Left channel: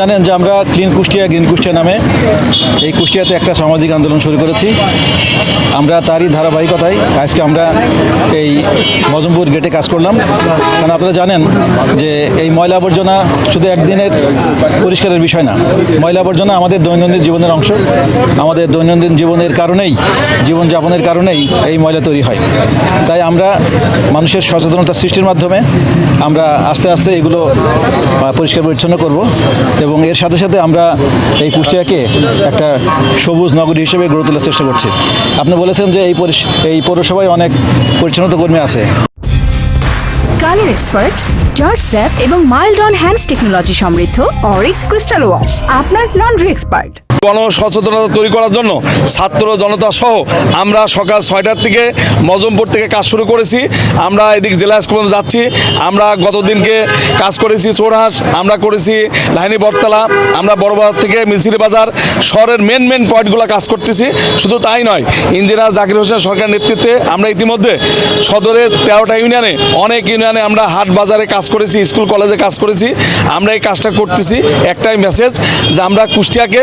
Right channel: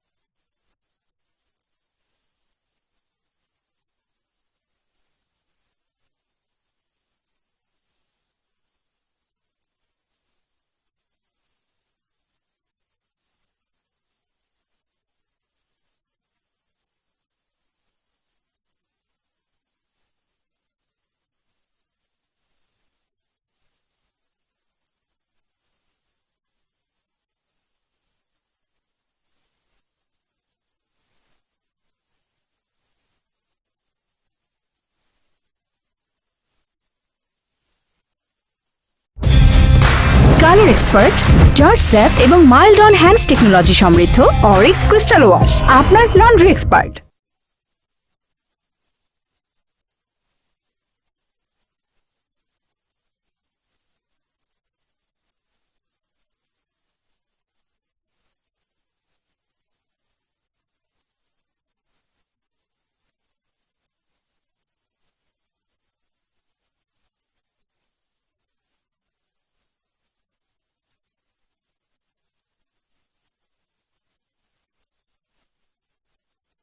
জানেন যে আমরা ক্লিন কুষ্টিয়া, গ্রিন কুষ্টিয়া নামে এই কুষ্টিয়াতে একটা সামাজিক আন্দোলন শুরু করেছি। আমরা তারই ধারাবাহিকতায় আজকে আমরা এই মজমপুর গেটে কাজ করলাম। কারণ আপনারা জানেন যে এই ময়লা আবর্জনা শুধু একদিনের পরিষ্কারের বিষয় না, ময়লা আবর্জনা আমাদের দৈনন্দিন জীবনের অংশ। আমাদের দৈনন্দিন জীবনের কারণেই, জীবনযাপনের কারণেই এই ময়লা তৈরি হয়। তাই আমরা মানুষের সচেতনতা সৃষ্টির মাধ্যমে আমরা আস্তে আস্তে এগুলো পরিষ্কার পরিচ্ছন্ন করব। এবং এর সাথে সাথে আমরা এই কুষ্টিয়াকে একটা সবুজ নগরী হিসেবে গড়ে তোলার চেষ্টা করছি। আপনি বলেছেন যে এই এই পৌরসভায় অনেক পরিচ্ছন্নতা কর্মী আছে। কালার এক্সপার্ট জর্জ স্যাপ এবং মাইল্ড অন হ্যান্ডস টেকনোলজি সমৃদ্ধ অরিক্স ক্রিস্টাল ওয়াশ, আপনার লন্ড্রি এক্সপার্ট। গণ সচেতনতা তৈরি করার জন্য ছাত্র জনতা সহ আমরা সকাল ছয়টার থেকে মজমপুর থেকে কাজ শুরু করেছি। আমরা এদিক জেলা স্কুল যাচ্ছি। আমরা গতদিনকে কাজ করেছি চোরহাস আমরা করেছি লাইনি বটতলা, আমরা বড়বাজার থেকে মিলসিরি বাজার। শহরের মেন মেন পয়েন্টগুলো কাজ করতেছি। শুধু তাই নয়, ইঞ্জিনিয়ার জাকির হোসেন সরকার নেতৃত্বে আমরা ইতিমধ্যে সদরের তেরোটা ইউনিয়নে, অনেক ইউনিয়নে আমরা হাট বাজারে কাজ করেছি, স্কুল কলেজে কাজ করেছি। আমরা এই কাজটা করতেছি। একটাই মেসেজ যে আমরা কুষ্টিয়াকে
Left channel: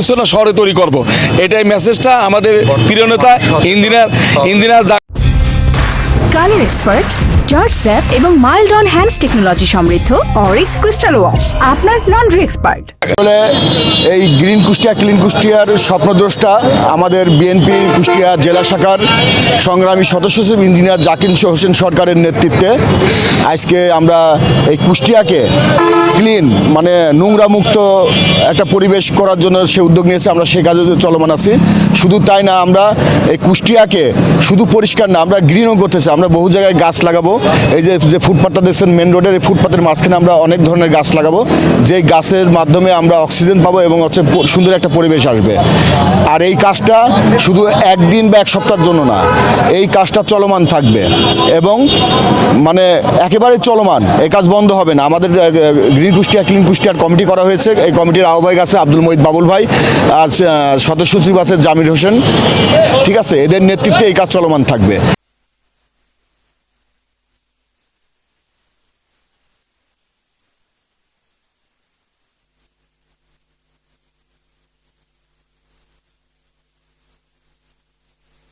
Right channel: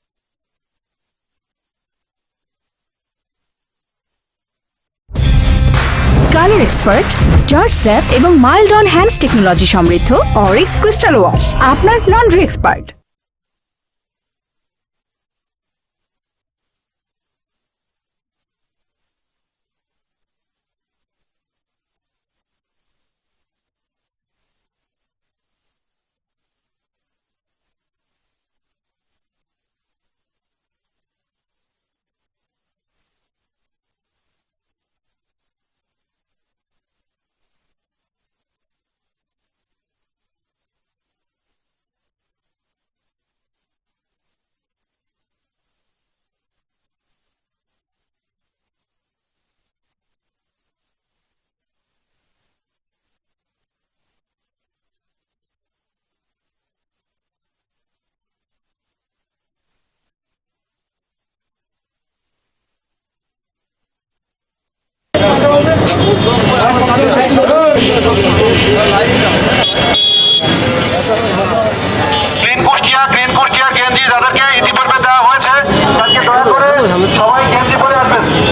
পরিচ্ছন্ন শহরে তৈরি করব। এটাই মেসেজটা আমাদের প্রিয় নেতা ইঞ্জিনিয়ার জা- কালার এক্সপার্ট জর্জ স্যাপ এবং মাইল্ড অন হ্যান্ডস টেকনোলজি সমৃদ্ধ অরিক্স ক্রিস্টাল ওয়াশ আপনার লন্ড্রি এক্সপার্ট। এই গ্রিন কুষ্টিয়া, ক্লিন কুষ্টিয়ার স্বপ্নদ্রষ্টা আমাদের বিএনপি কুষ্টিয়া জেলা শাখার সংগ্রামী সদস্য ইঞ্জিনিয়ার জাকির হোসেন সরকারের নেতৃত্বে আজকে আমরা এই কুষ্টিয়াকে ক্লিন মানে নোংরা মুক্ত একটা পরিবেশ করার জন্য সে উদ্যোগ নিয়েছে, আমরা সে কাজে চলমান আছি। শুধু তাই না, আমরা এই কুষ্টিয়াকে শুধু পরিষ্কার না, আমরা গ্রিনও করতেছি, আমরা বহু জায়গায় গাছ লাগাবো। এই যে যে ফুটপাথটা দেখছেন মেন রোডের এই ফুটপাথের মাঝখানে আমরা অনেক ধরনের গাছ লাগাবো। যেই গাছের মাধ্যমে আমরা অক্সিজেন পাবো এবং হচ্ছে সুন্দর একটা পরিবেশ আসবে। আর এই কাজটা শুধু একদিন বা এক সপ্তাহের জন্য না, এই কাজটা চলমান থাকবে। এবং মানে একেবারে চলমান, এই কাজ বন্ধ হবে না। আমাদের গ্রিন কুষ্টিয়া, ক্লিন কুষ্টিয়ার কমিটি করা হয়েছে। এই কমিটির আহ্বায়ক আছে আব্দুল মহিদ বাবুল ভাই আর সদস্য সচিব আছে জামির হোসেন। ঠিক আছে? এদের নেতৃত্বে এই কাজ চলমান থাকবে।